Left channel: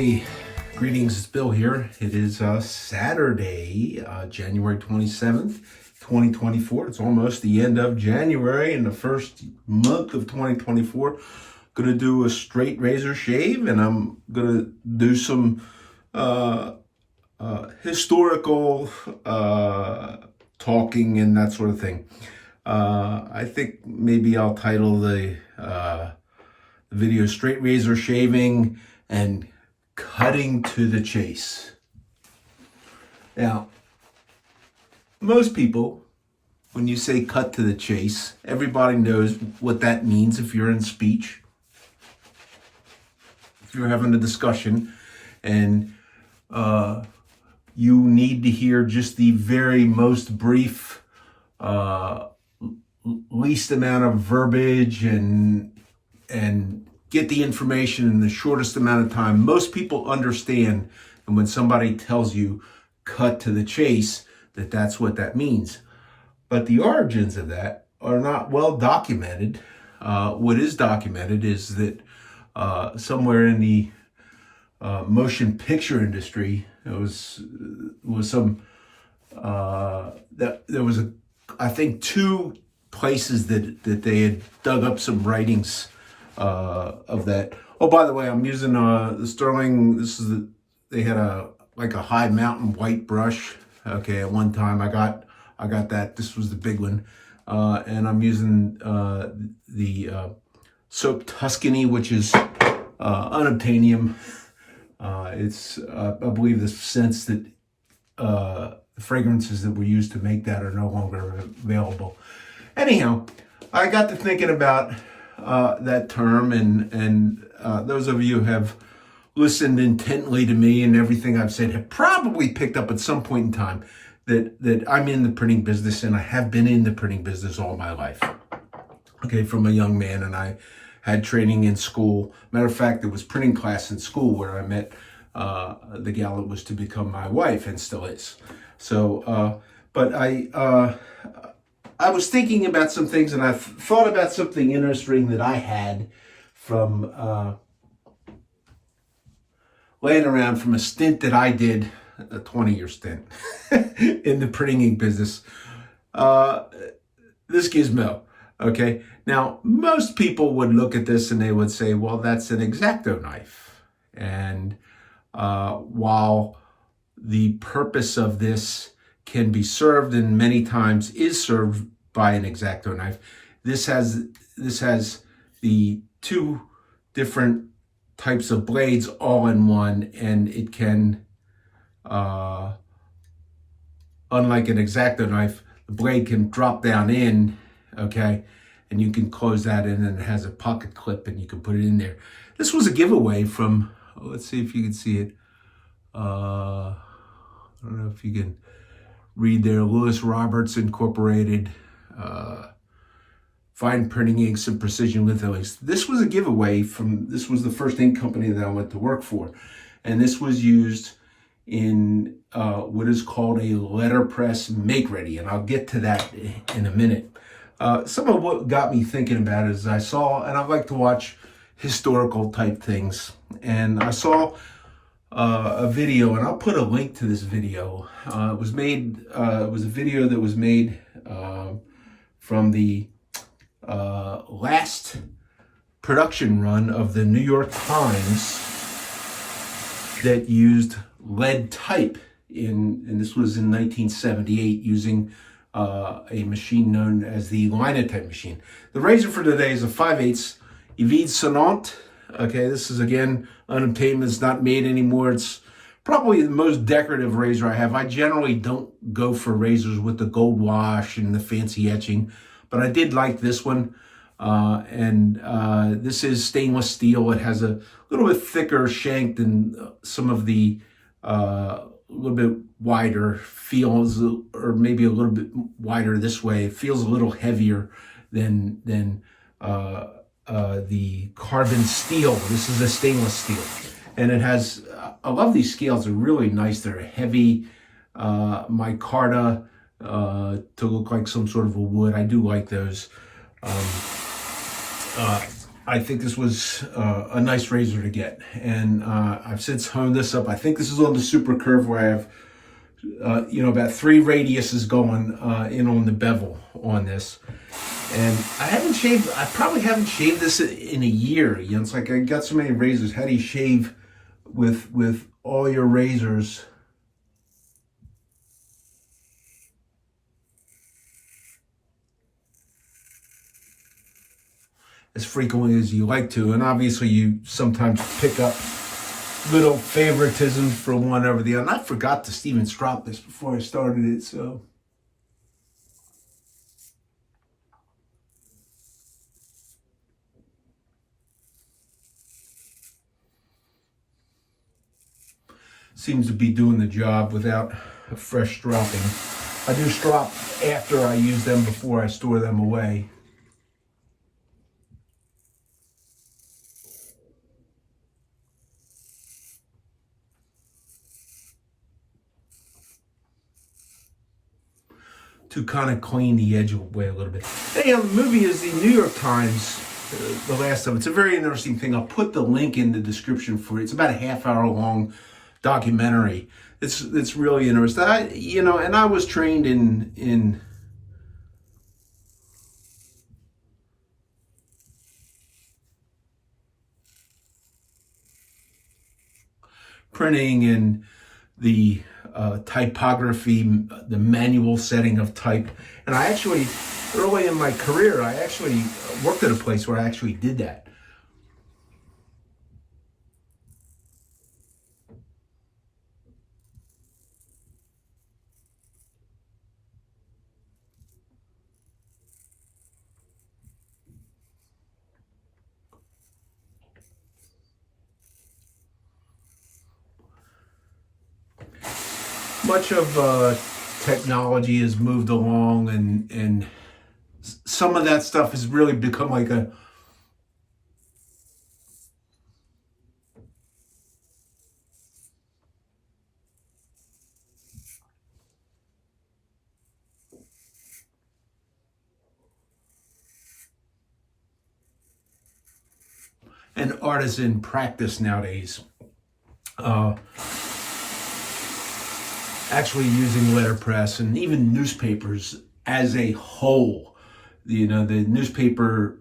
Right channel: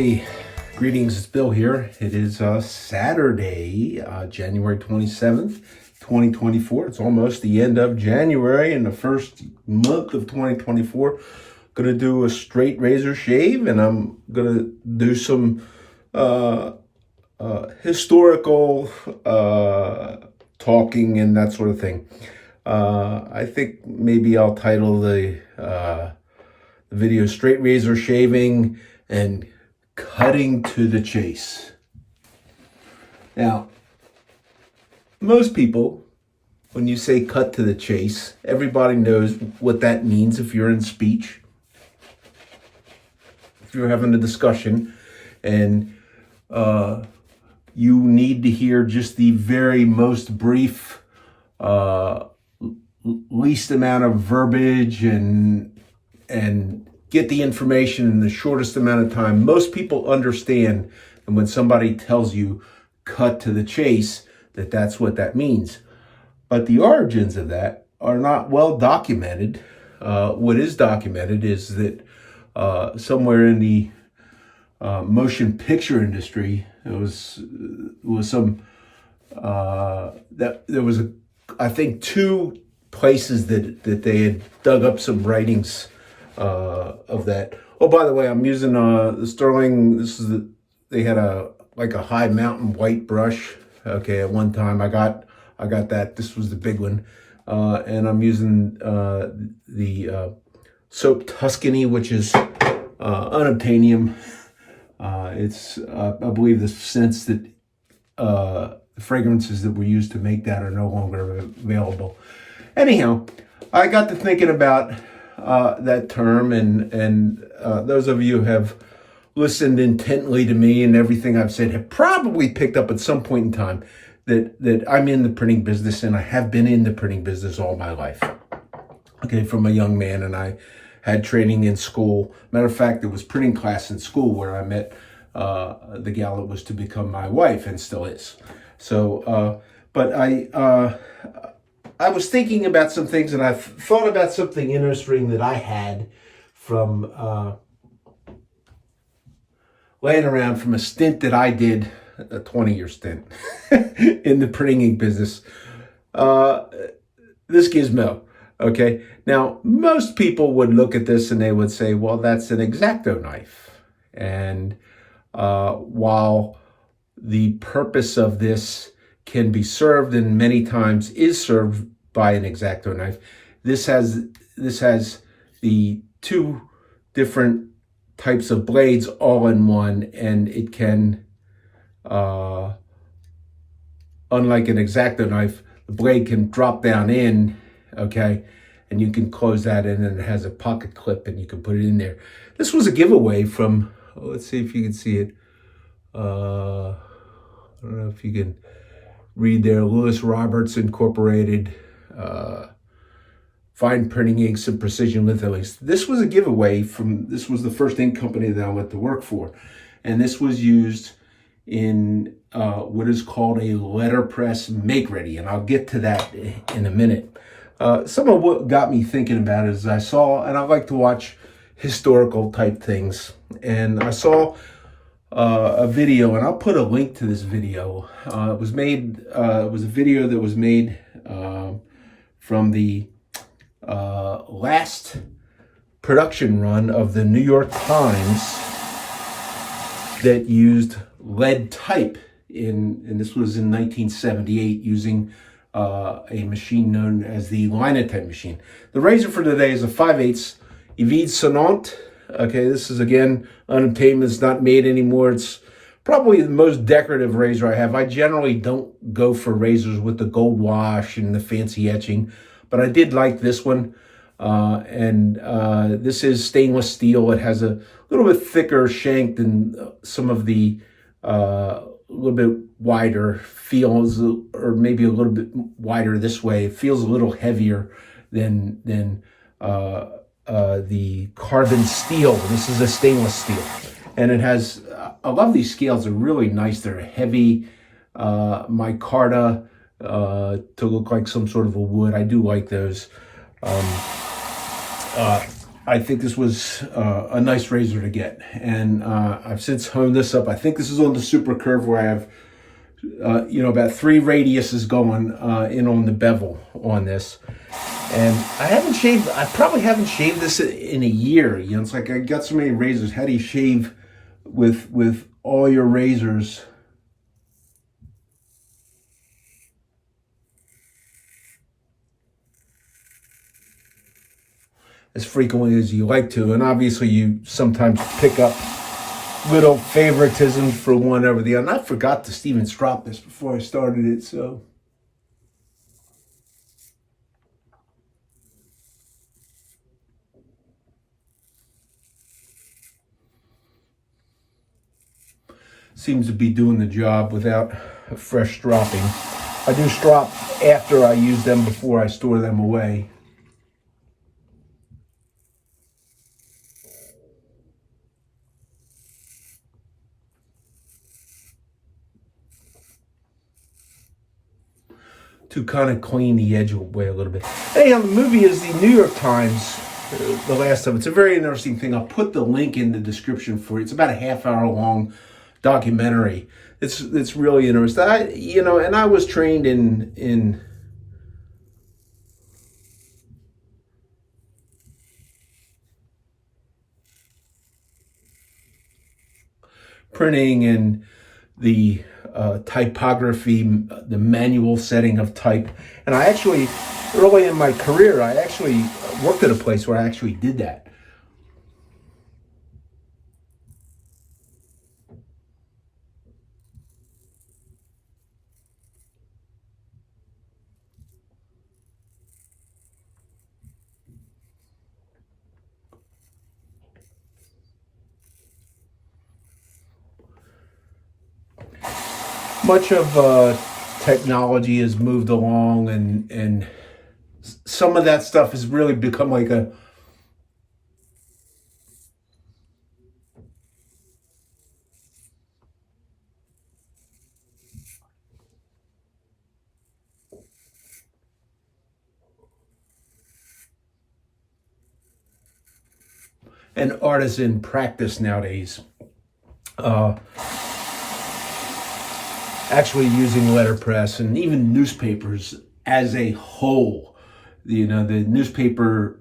Hey, greetings, it's Bill here. It is Saturday, January 27th, 2024. It's almost the end of January and the first month of 2024. Gonna do a straight razor shave, and I'm gonna do some historical talking and that sort of thing. I think maybe I'll title the video Straight Razor Shaving and Cutting to the Chase. Now, most people, when you say cut to the chase, everybody knows what that means if you're in speech. If you're having a discussion and you need to hear just the very most brief, least amount of verbiage and get the information in the shortest amount of time. Most people understand, and when somebody tells you cut to the chase, that's what that means. But the origins of that are not well documented. What is documented is that somewhere in the motion picture industry, there was I think two places that they had dug up some writings of that. Oh, by the way, I'm using the Sterling. They had a high mountain white brush. Okay, at one time I got that. This was the big one, and I'm using the soap Tuscany, which is unobtainium. It's I believe the scents that fragrances that were used to make that are no longer available. Anyhow, I got to thinking about that term, and those of you who have listened intently to me and everything I've said have probably picked up at some point in time that I'm in the printing business, and I have been in the printing business all my life. Okay, from a young man, and I had training in school. Matter of fact, there was printing class in school where I met the gal that was to become my wife and still is. So, but I was thinking about some things, and I thought about something interesting that I had from laying around from a stint that I did, a 20-year stint in the printing ink business. This gizmo, okay? Now, most people would look at this and they would say, well, that's an X-Acto knife. And while the purpose of this can be served and many times is served by an X-Acto knife, this has the two different types of blades all in one, and it can unlike an X-Acto knife, the blade can drop down in, okay, and you can close that in, and it has a pocket clip and you can put it in there. This was a giveaway from, let's see if you can see it. I don't know if you can read there, Lewis Roberts Incorporated, Fine Printing Inks and Precision Litho Inks. This was a giveaway this was the first ink company that I went to work for. And this was used in what is called a letterpress make-ready. And I'll get to that in a minute. Some of what got me thinking about it is I saw, and I like to watch historical type things. And I saw a video, and I'll put a link to this video. It was a video that was made from the last production run of the New York Times that used lead type and this was in 1978 using a machine known as the Linotype machine. The razor for today is a 5/8 Evide Sonnante. Okay, this is again unobtainium. It's not made anymore. It's probably the most decorative razor I have. I generally don't go for razors with the gold wash and the fancy etching, but I did like this one. This is stainless steel. It has a little bit thicker shank than some of the little bit wider feels, or maybe a little bit wider this way. It feels a little heavier than the carbon steel. This is a stainless steel, and it has. I love these scales. They're really nice. They're heavy micarta to look like some sort of a wood. I do like those. I think this was a nice razor to get. And I've since honed this up. I think this is on the super curve where I have, about 3 radiuses going in on the bevel on this. And I probably haven't shaved this in a year. It's like I got so many razors. How do you shave with all your razors? As frequently as you like to. And obviously you sometimes pick up little favoritism for one over the other. And I forgot to Steven Strop this before I started it, so. Seems to be doing the job without a fresh stropping. I do strop after I use them before I store them away. To kind of clean the edge away a little bit. Anyhow, the movie is the New York Times, the last of it. It's a very interesting thing. I'll put the link in the description for it. It's about a half-hour long documentary. It's really interesting. And I was trained in printing and the typography, the manual setting of type. And I actually, early in my career, I actually worked at a place where I actually did that. Much of technology has moved along, and some of that stuff has really become like an artisan practice nowadays. Actually using letterpress and even newspapers as a whole. The newspaper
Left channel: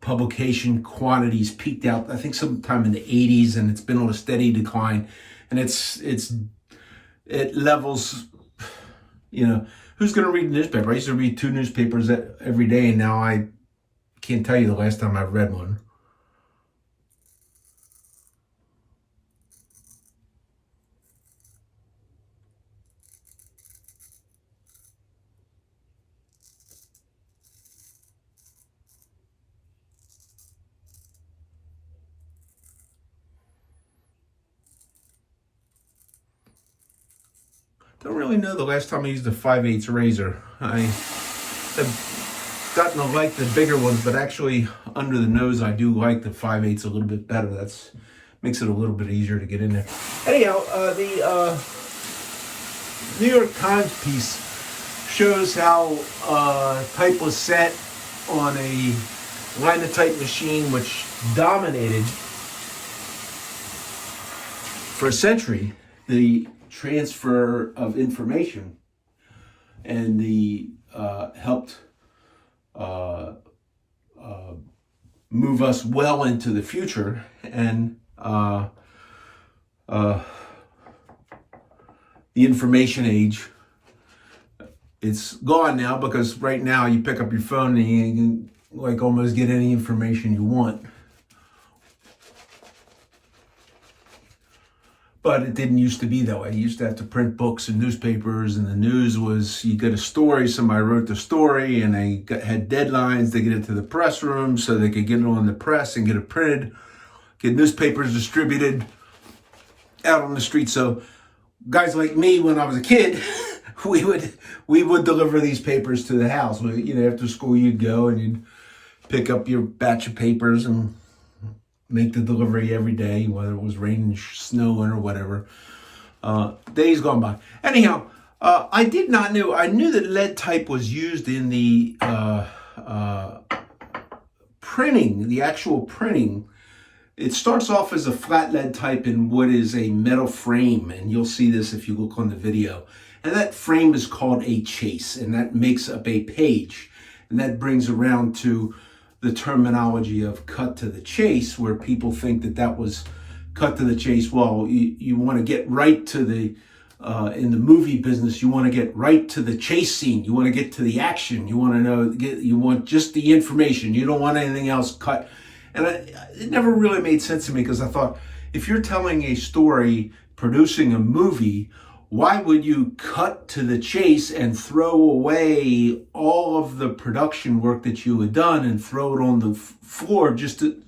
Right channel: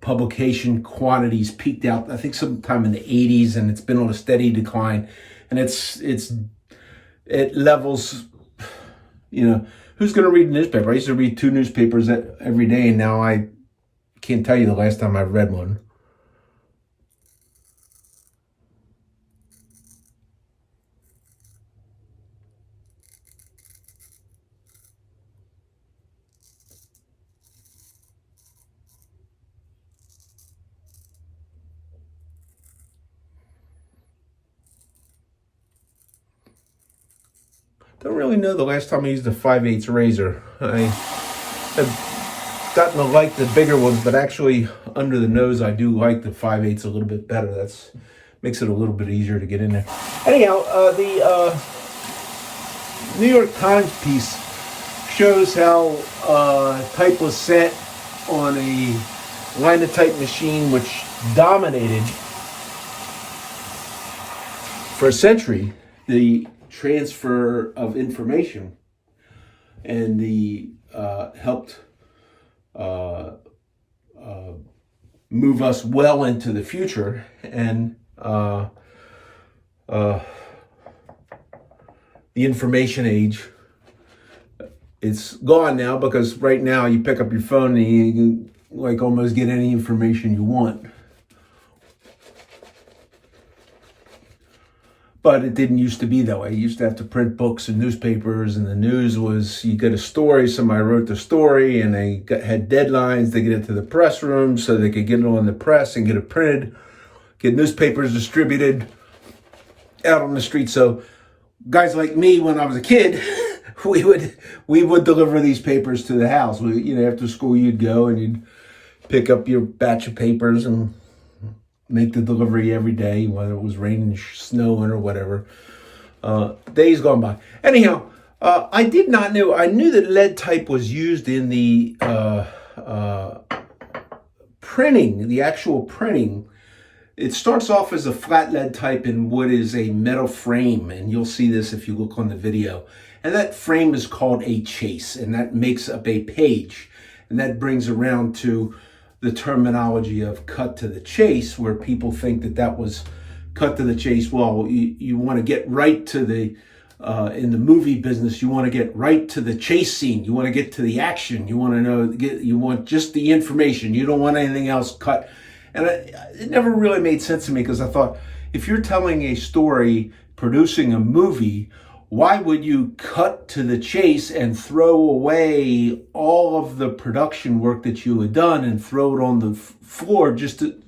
publication quantities peaked out, I think, sometime in the 80s, and it's been on a steady decline. And it levels, who's going to read a newspaper? I used to read 2 newspapers every day, and now I can't tell you the last time I've read one. Don't really know the last time I used a 5/8 razor. I have gotten to like the bigger ones, but actually under the nose I do like the 5/8 a little bit better. That's makes it a little bit easier to get in there. Anyhow, the New York Times piece shows how type was set on a Linotype machine which dominated for a century the transfer of information, and the helped move us well into the future. And the information age, it's gone now, because right now you pick up your phone and you can like almost get any information you want. But it didn't used to be that way. You used to have to print books and newspapers, and the news was, you get a story, somebody wrote the story, and they had deadlines. They get it to the press room so they could get it on the press and get it printed, get newspapers distributed out on the street. So guys like me, when I was a kid, we would deliver these papers to the house. After school you'd go and you'd pick up your batch of papers and make the delivery every day, whether it was raining, snowing, or whatever. Days gone by. Anyhow, I did not know. I knew that lead type was used in the printing, the actual printing, it starts off as a flat lead type in what is a metal frame, and you'll see this if you look on the video. And that frame is called a chase, and that makes up a page. And that brings around to the terminology of cut to the chase, where people think that that was cut to the chase. Well, you want to get right to the, in the movie business, you want to get right to the chase scene. You want to get to the action. You want to know, you want just the information. You don't want anything else cut. And it never really made sense to me, because I thought, if you're telling a story, producing a movie, why would you cut to the chase and throw away all of the production work that you had done and throw it on the floor just to,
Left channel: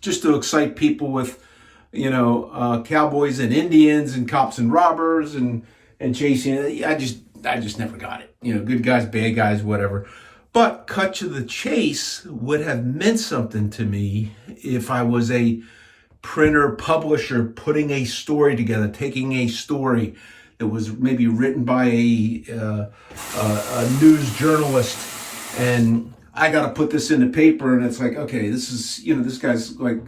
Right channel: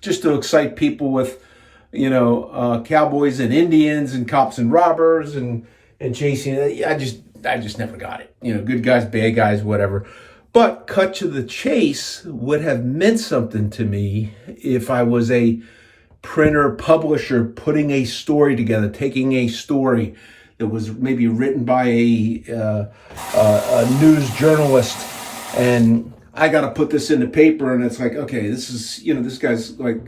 just to excite people with, cowboys and Indians and cops and robbers and chasing? I just never got it. Good guys, bad guys, whatever. But cut to the chase would have meant something to me if I was a printer, publisher, putting a story together, taking a story that was maybe written by a news journalist, and I got to put this in the paper, and it's like, okay, this is, this guy's like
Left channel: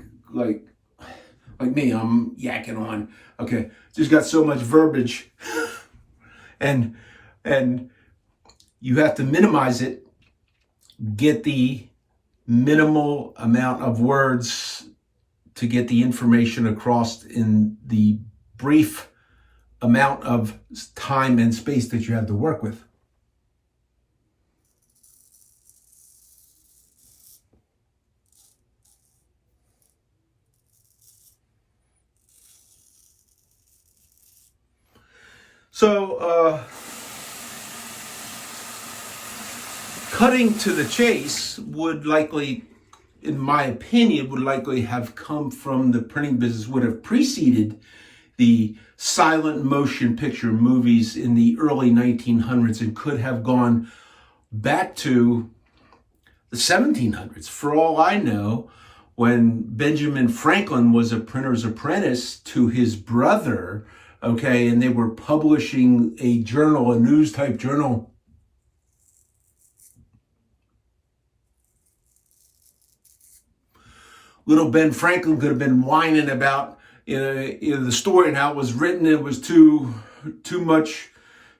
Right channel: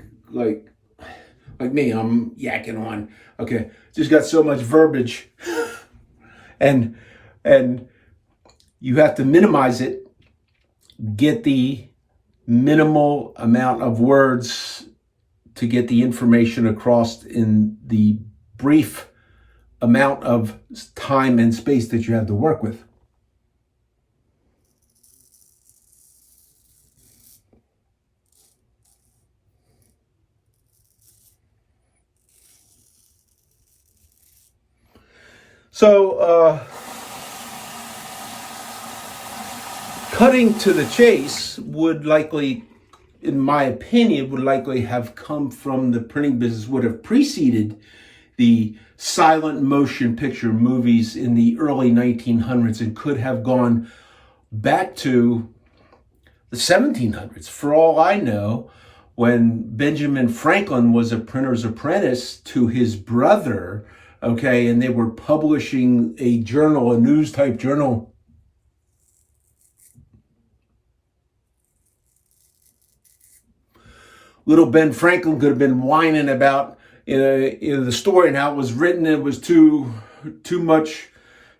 me, I'm yakking on. Okay, just got so much verbiage, and you have to minimize it, get the minimal amount of words to get the information across in the brief amount of time and space that you have to work with. So, cutting to the chase would likely, in my opinion, would likely have come from the printing business, would have preceded the silent motion picture movies in the early 1900s, and could have gone back to the 1700s. For all I know, when Benjamin Franklin was a printer's apprentice to his brother, okay, and they were publishing a journal, a news type journal, little Ben Franklin could have been whining about the story and how it was written. It was too much,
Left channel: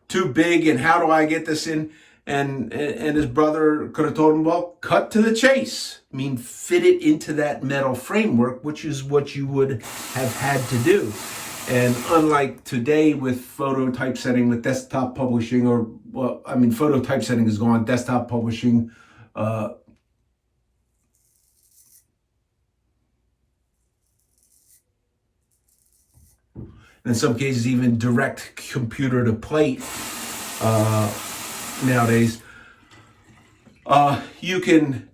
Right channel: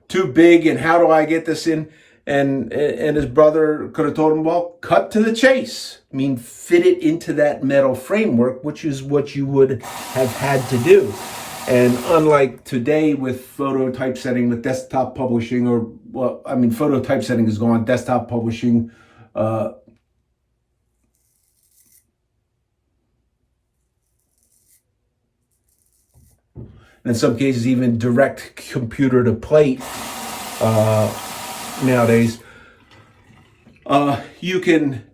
too big, and how do I get this in? And his brother could have told him, well, cut to the chase. I mean, fit it into that metal framework, which is what you would have had to do. And unlike today with photo typesetting, with desktop publishing, photo typesetting is gone, desktop publishing, in some cases, even direct computer to plate nowadays. You can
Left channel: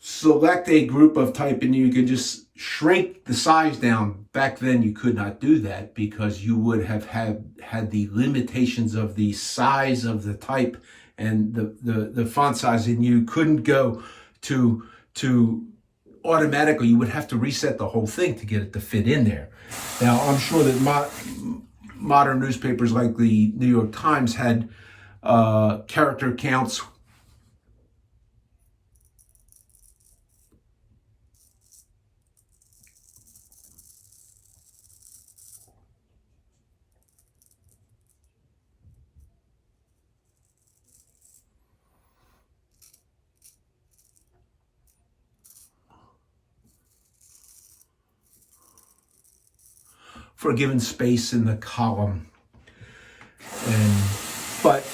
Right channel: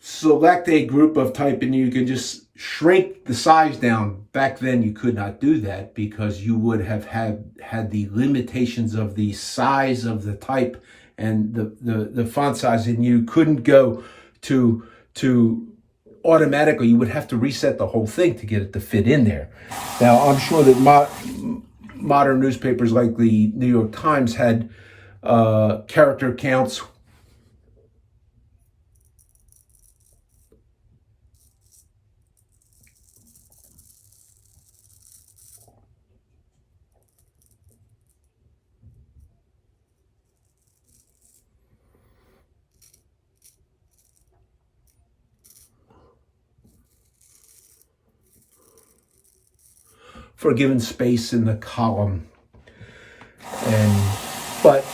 select a group of type and you can just shrink the size down. Back then, you could not do that because you would have had the limitations of the size of the type and the font size, and you couldn't go to automatically. You would have to reset the whole thing to get it to fit in there. Now, I'm sure that modern newspapers like the New York Times had character counts for a given space in the column. But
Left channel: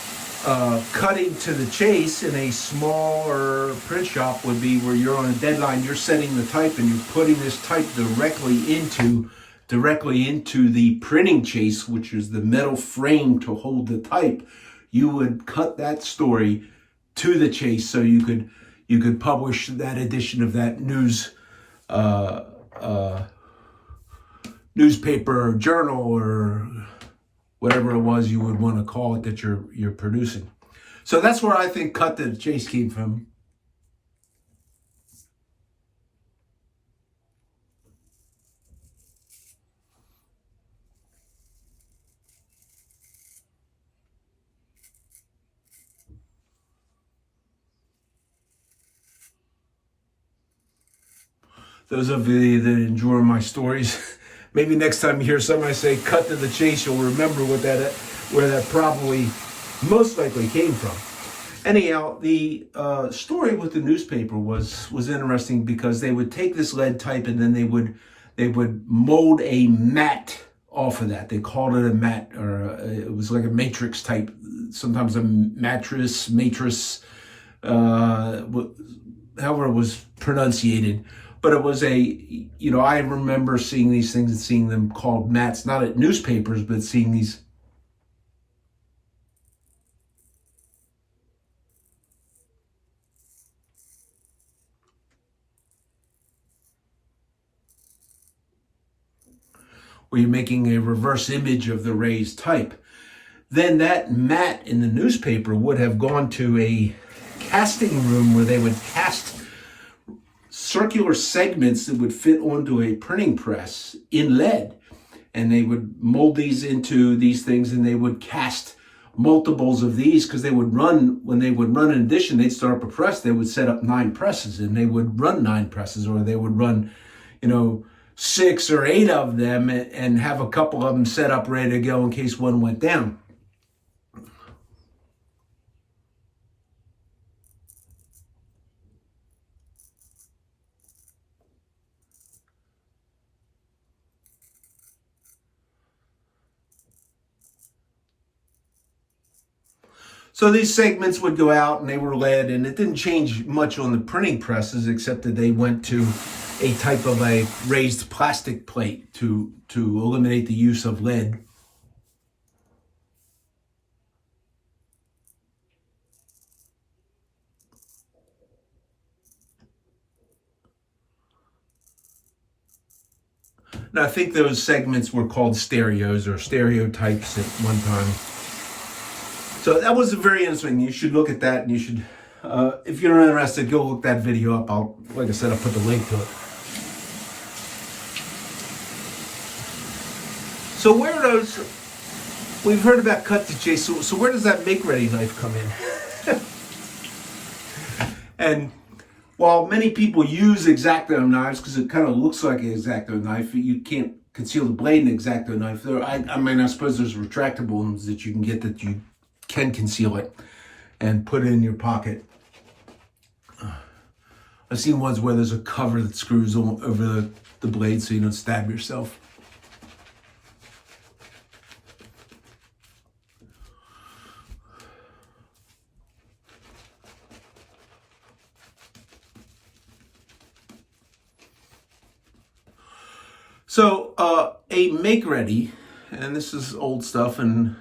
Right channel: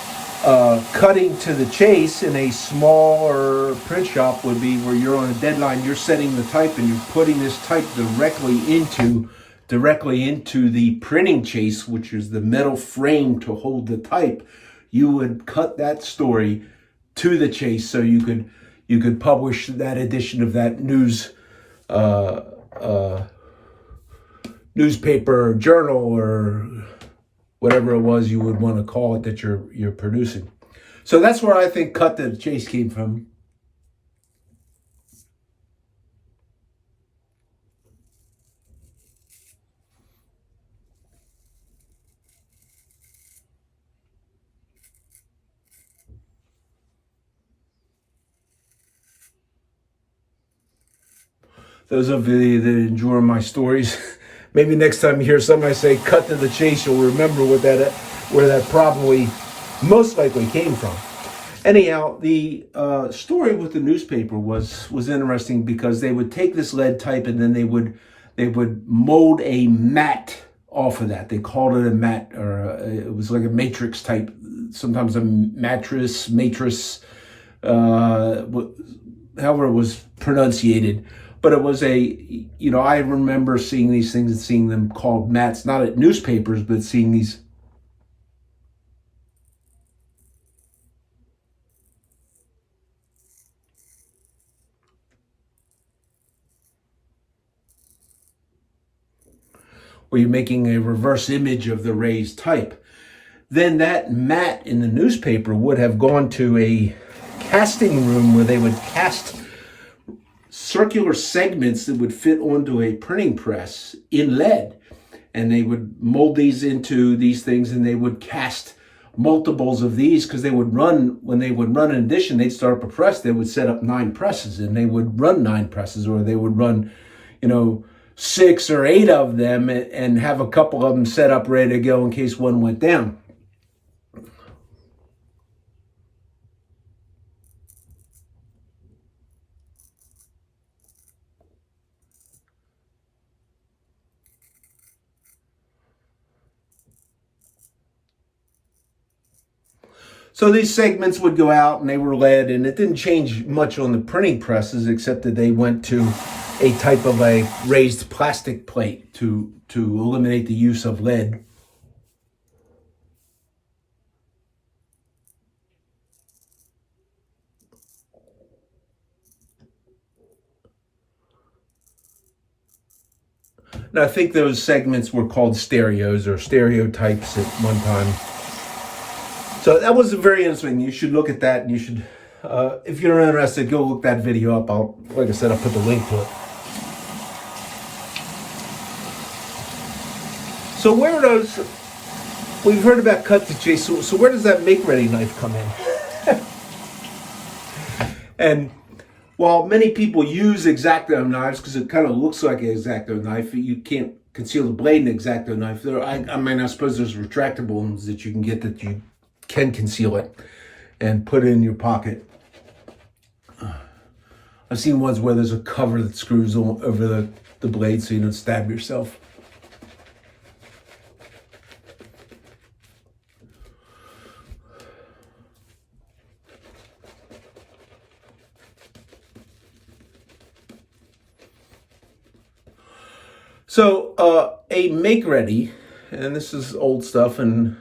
cutting to the chase in a smaller print shop would be where you're on a deadline, you're setting the type and you're putting this type directly into the printing chase, which is the metal frame to hold the type. You would cut that story to the chase so you could publish that edition of that newspaper or journal or whatever it was you would want to call it that you're producing. So that's where I think cut to the chase came from. those of you that enjoy my stories, maybe next time you hear somebody say "cut to the chase," you'll remember where that probably most likely came from. Anyhow, the story with the newspaper was interesting because they would take this lead type and then they would mold a mat off of that. They called it a mat, or it was like a matrix type, sometimes a matrix, however it was pronunciated. But it was I remember seeing these things and seeing them called mats, not at newspapers, but seeing these. Where you're making a reverse image of the raised type. Then that mat in the newspaper would have gone to a casting room where they would cast circular segments that would fit onto a printing press in lead. And they would mold these into these things, and they would cast multiples of these, because when they would run an edition, they'd start up a press, they would set up 9 presses, and they would run 9 presses, or they would run, 6 or 8 of them, and have a couple of them set up ready to go in case one went down. So these segments would go out and they were lead, and it didn't change much on the printing presses except that they went to a type of a raised plastic plate to eliminate the use of lead. Now, I think those segments were called stereos or stereotypes at one time. So that was very interesting. You should look at that, and you should, if you're interested, go look that video up. Like I said, I'll put the link to it. So where are those? We've heard about cut to chase. So where does that make-ready knife come in? And while many people use X-Acto knives because it kind of looks like an X-Acto knife, you can't conceal the blade in an X-Acto knife. I suppose there's retractable ones that you can get that you can conceal it and put it in your pocket. I've seen ones where there's a cover that screws over the blade so you don't stab yourself. So a make-ready, and this is old stuff, and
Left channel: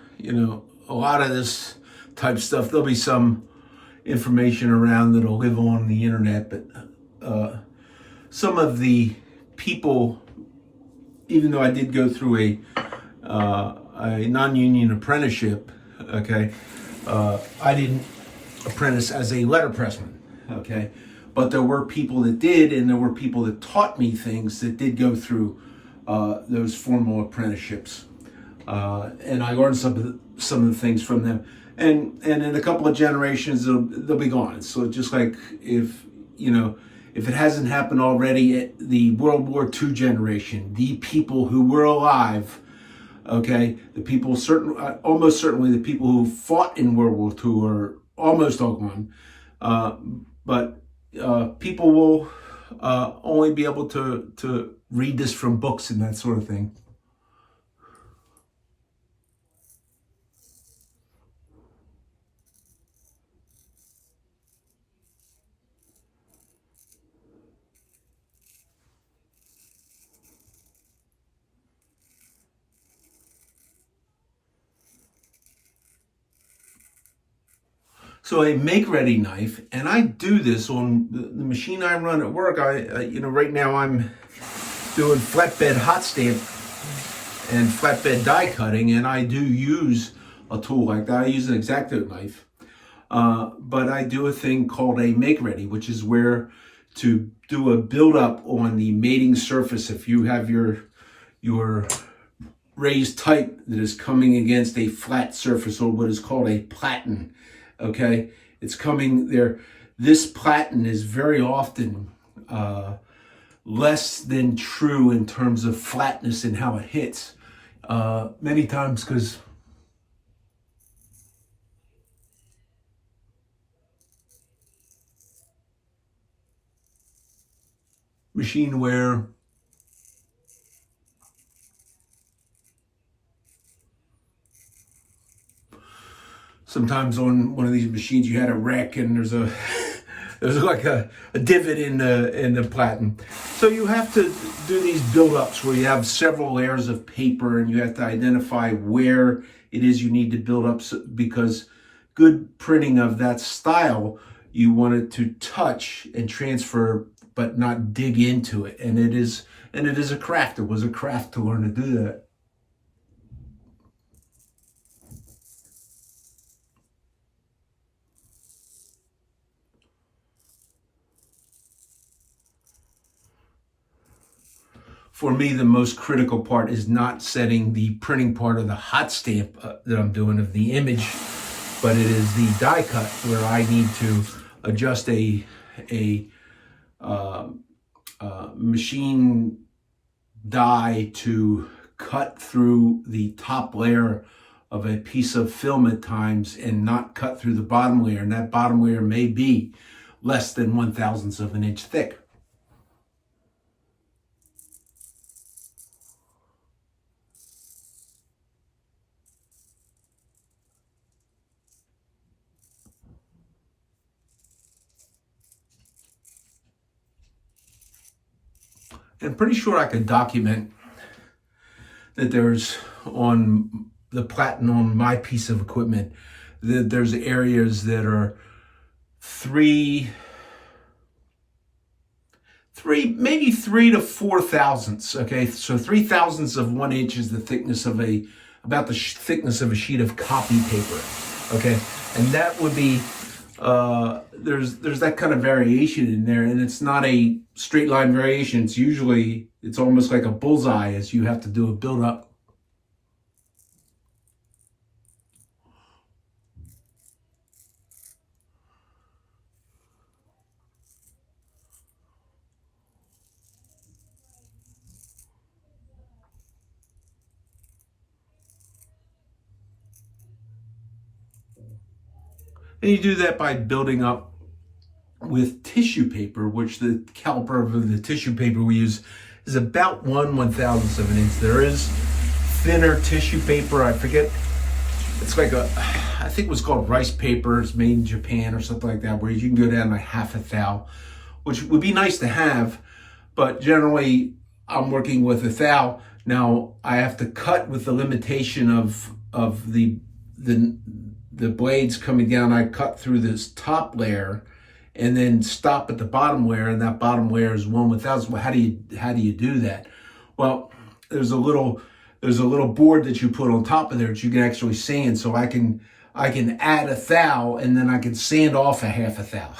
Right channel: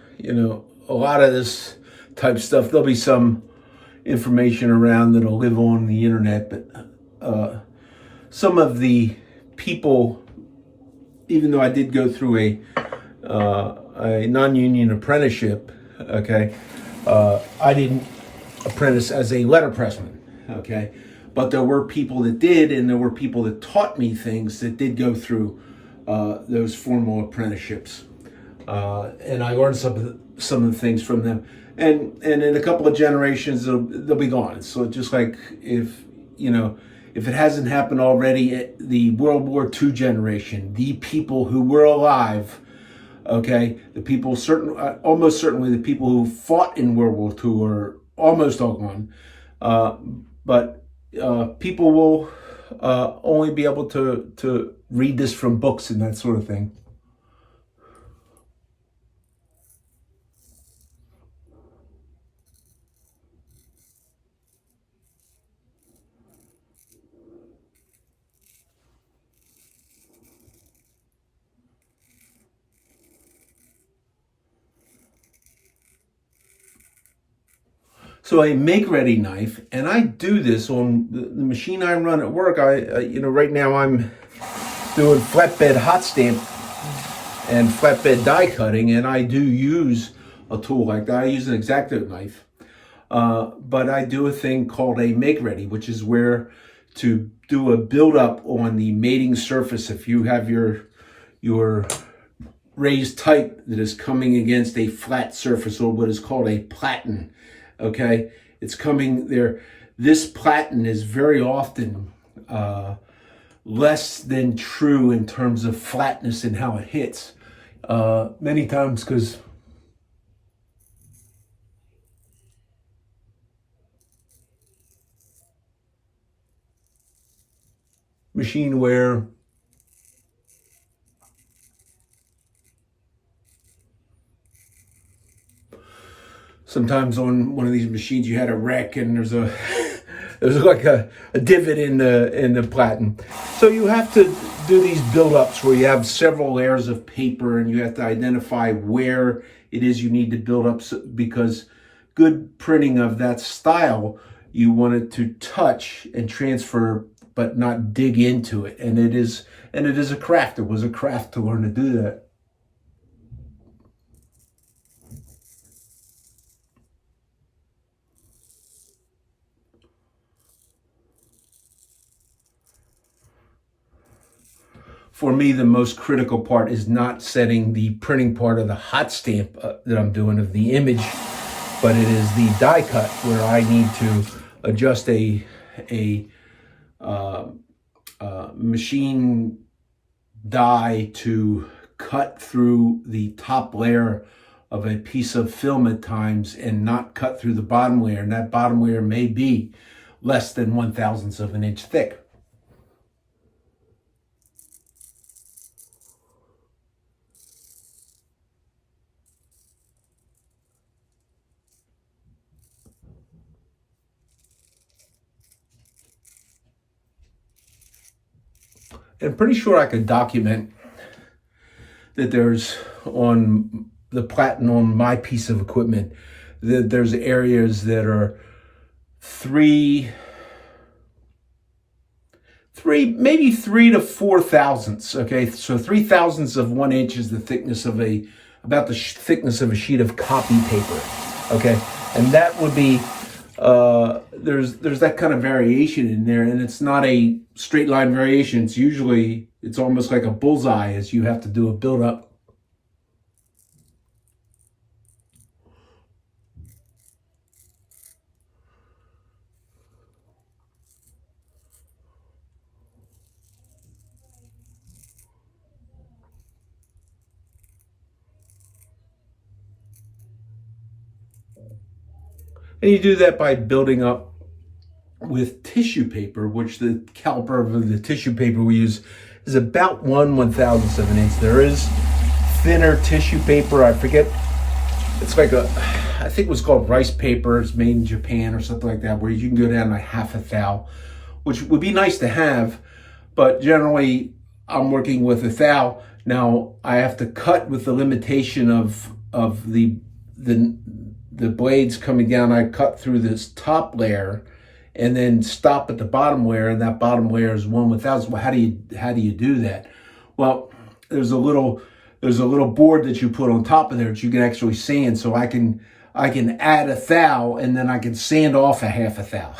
a lot of this type stuff, there'll be some information around that'll live on the internet, but some of the people, even though I did go through a non-union apprenticeship, okay, I didn't apprentice as a letterpressman, okay, but there were people that did, and there were people that taught me things that did go through those formal apprenticeships, and I learned some of the things from them. And in a couple of generations, they'll be gone. So just like if it hasn't happened already, the World War II generation, the people who were alive, okay, the people almost certainly the people who fought in World War II are almost all gone. But people will only be able to read this from books and that sort of thing. So a make-ready knife, and I do this on the machine I run at work. Right now I'm doing flatbed hot stamp and flatbed die cutting, and I do use a tool like that. I use an X-Acto knife, but I do a thing called a make-ready, which is where to do a build-up on the mating surface. If you have your raised type that is coming against a flat surface, or what is called a platen. Okay, it's coming there. This platen is very often less than true in terms of flatness and how it hits. Many times, because machine wear, sometimes on one of these machines you had a wreck and there's like a divot in the platen. So you have to do these build-ups where you have several layers of paper and you have to identify where it is you need to build up, because good printing of that style, you want it to touch and transfer but not dig into it. And it is a craft. It was a craft to learn to do that. For me, the most critical part is not setting the printing part of the hot stamp that I'm doing of the image, but it is the die cut where I need to adjust a machine die to cut through the top layer of a piece of film at times and not cut through the bottom layer. And that bottom layer may be less than 1/1000th of an inch thick. And I'm pretty sure I could document that there's, on the platen on my piece of equipment, that there's areas that are maybe 3 to 4 thousandths. Okay, so 3/1000ths of 1 inch is the thickness of about the thickness of a sheet of copy paper. Okay, and that would be there's that kind of variation in there, and it's not a straight line variation. It's almost like a bullseye as you have to do a build up. And you do that by building up with tissue paper, which the caliper of the tissue paper we use is about 1/1000th of an inch. There is thinner tissue paper. I forget. It's like I think it was called rice paper. It's made in Japan or something like that, where you can go down to 1/2 thou, which would be nice to have. But generally, I'm working with 1 thou. Now I have to cut with the limitation of the blades coming down. I cut through this top layer and then stop at the bottom layer, and that bottom layer is 1/1000th. Well, how do you do that? Well, there's a little board that you put on top of there that you can actually sand. So I can add 1 thou and then I can sand off 1/2 thou.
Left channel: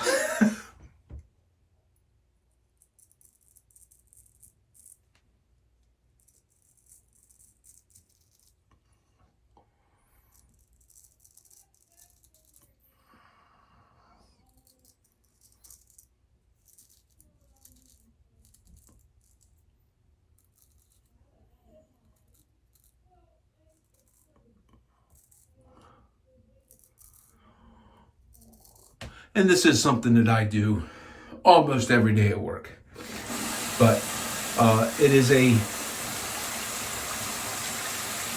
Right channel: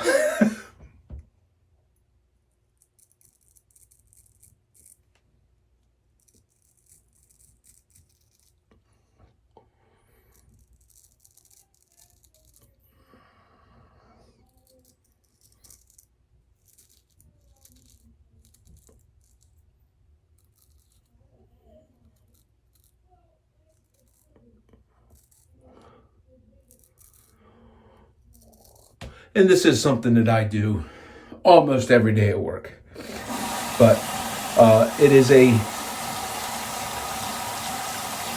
And this is something that I do almost every day at work. But it is a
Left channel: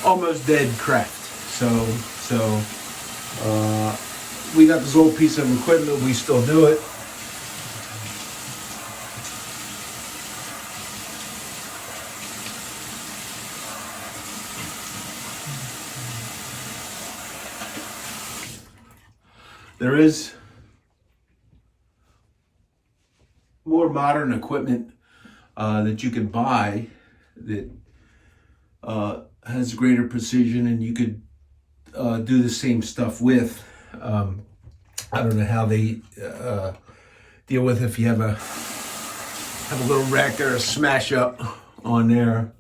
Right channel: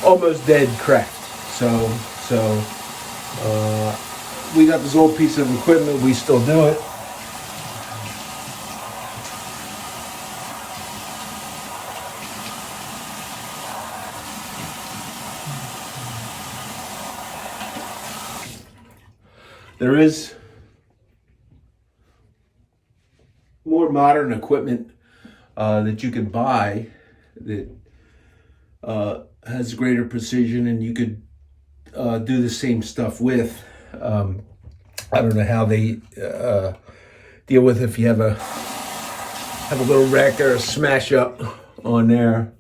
almost dead craft. So we got this old piece of equipment. We still do it. There is more modern equipment that you can buy that has greater precision, and you could do the same stuff with. I don't know how they deal with if you have a little wreck or a smash up on there.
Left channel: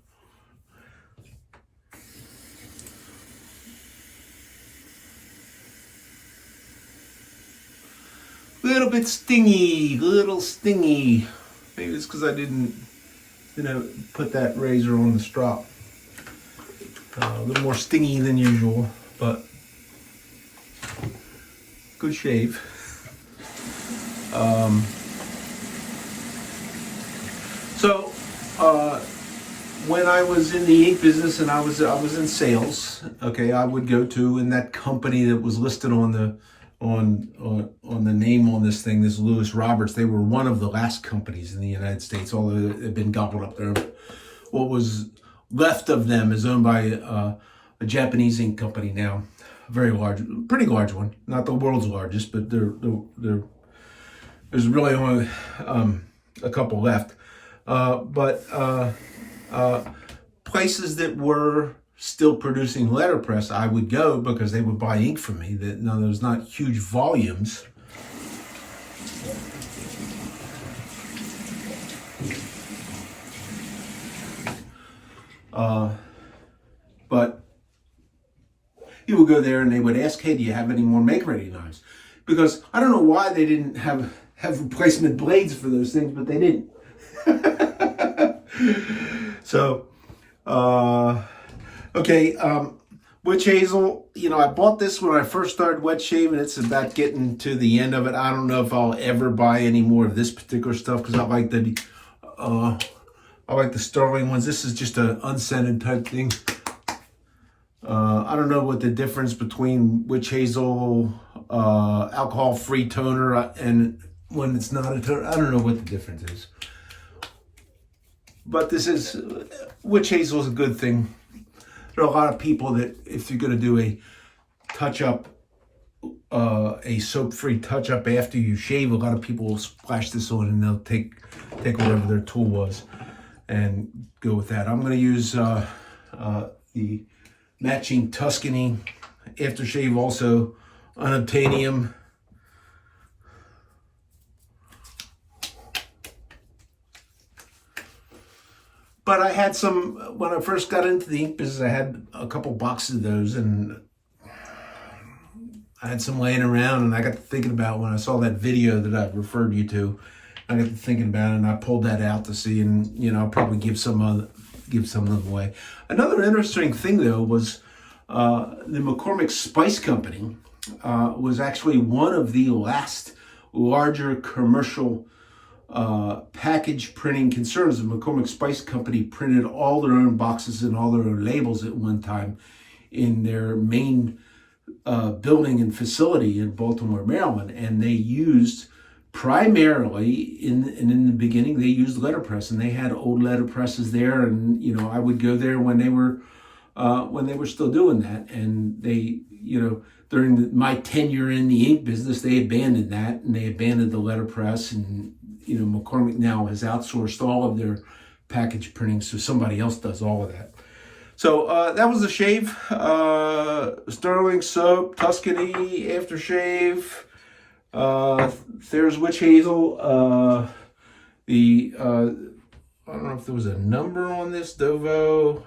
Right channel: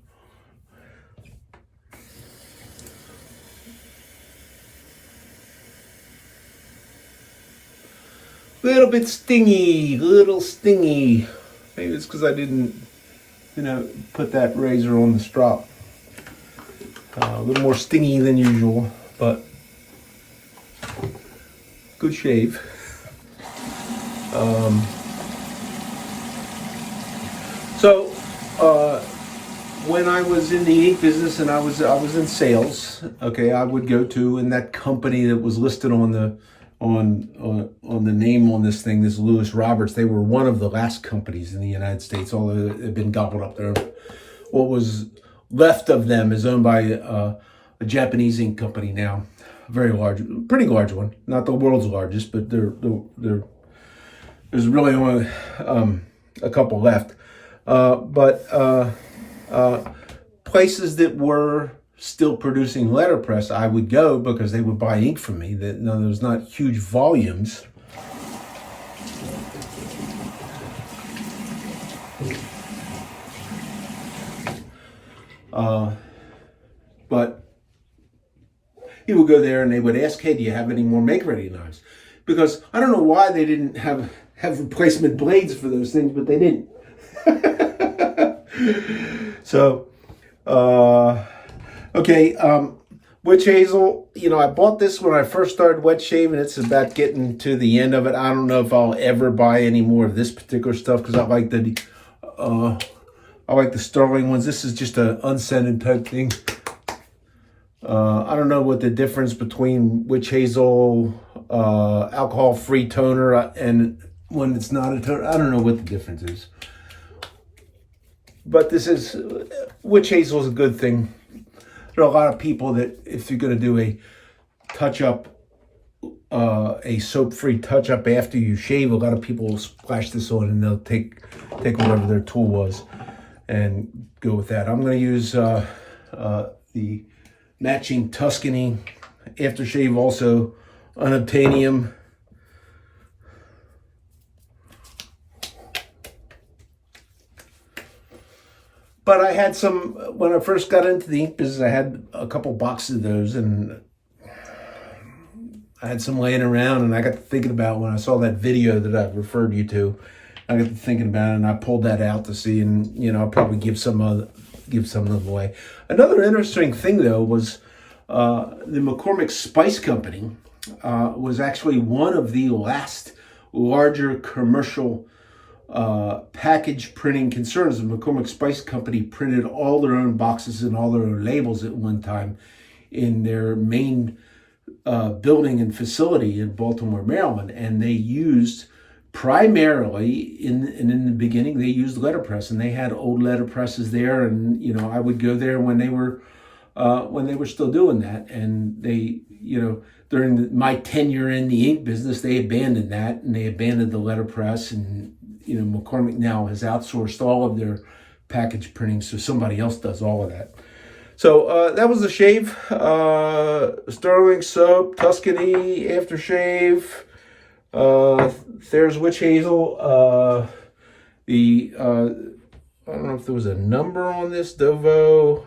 Little stingy. Maybe it's because I didn't put that razor on the strop. A little more stingy than usual, but good shave. When I was in the ink business and I was in sales, okay, I would go to, and that company that was listed on the name on this thing, this Lewis Roberts, they were one of the last companies in the United States, although it had been gobbled up there. What was left of them is owned by a Japanese ink company now, very large, pretty large one, not the world's largest, but there's really only a couple left. Places that were still producing letterpress, I would go because they would buy ink from me. There's not huge volumes. But people would go there and they would ask, hey, do you have any more make-ready knives? Because I don't know why they didn't have replacement blades for those things, but they didn't. So, okay, witch hazel, I bought this when I first started wet shaving. It's about getting to the end of it. I don't know if I'll ever buy any more of this particular stuff because I like the sterling ones. This is just an unscented type thing. I don't know what the difference between witch hazel, alcohol-free toner and when it's not a toner. I don't know what the difference is. But witch hazel is a good thing. There are a lot of people that if you're going to do a touch-up, a soap-free touch-up after you shave, a lot of people will splash this on and they'll take whatever their tool was and go with that. I'm going to use the matching Tuscany aftershave, also unobtainium. But I had some, when I first got into the ink business, I had a couple boxes of those, and I had some laying around, and I got to thinking about when I saw that video that I referred you to, I got to thinking about it, and I pulled that out to see, and I'll probably give some of them away. Another interesting thing, though, was the McCormick Spice Company was actually one of the last larger commercial package printing concerns. The McCormick Spice Company printed all their own boxes and all their own labels at one time in their main building and facility in Baltimore, Maryland, and they used primarily in the beginning they used letterpress, and they had old letterpresses there, and I would go there when they were still doing that, and they during my tenure in the ink business, they abandoned that, and they abandoned the letterpress, and McCormick now has outsourced all of their package printing, so somebody else does all of that. So that was the shave. Sterling soap, Tuscany aftershave, Thayer's witch hazel. I don't know if there was a number on this, Dovo.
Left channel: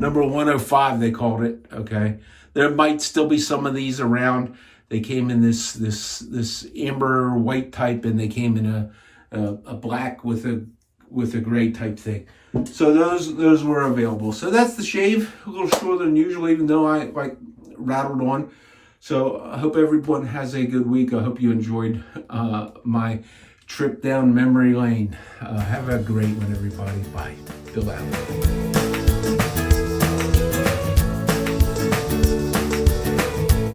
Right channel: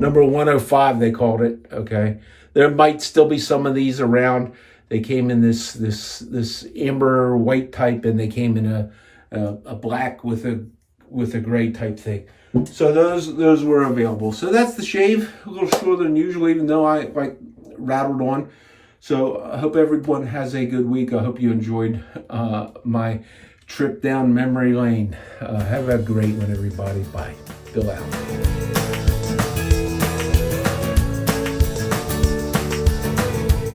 Number 105, they called it. Okay, there might still be some of these around. They came in this amber white type, and they came in a black with a gray type thing. So those were available. So that's the shave. A little shorter than usual, even though I rattled on. So I hope everyone has a good week. I hope you enjoyed my trip down memory lane. Have a great one, everybody. Bye. Bill out.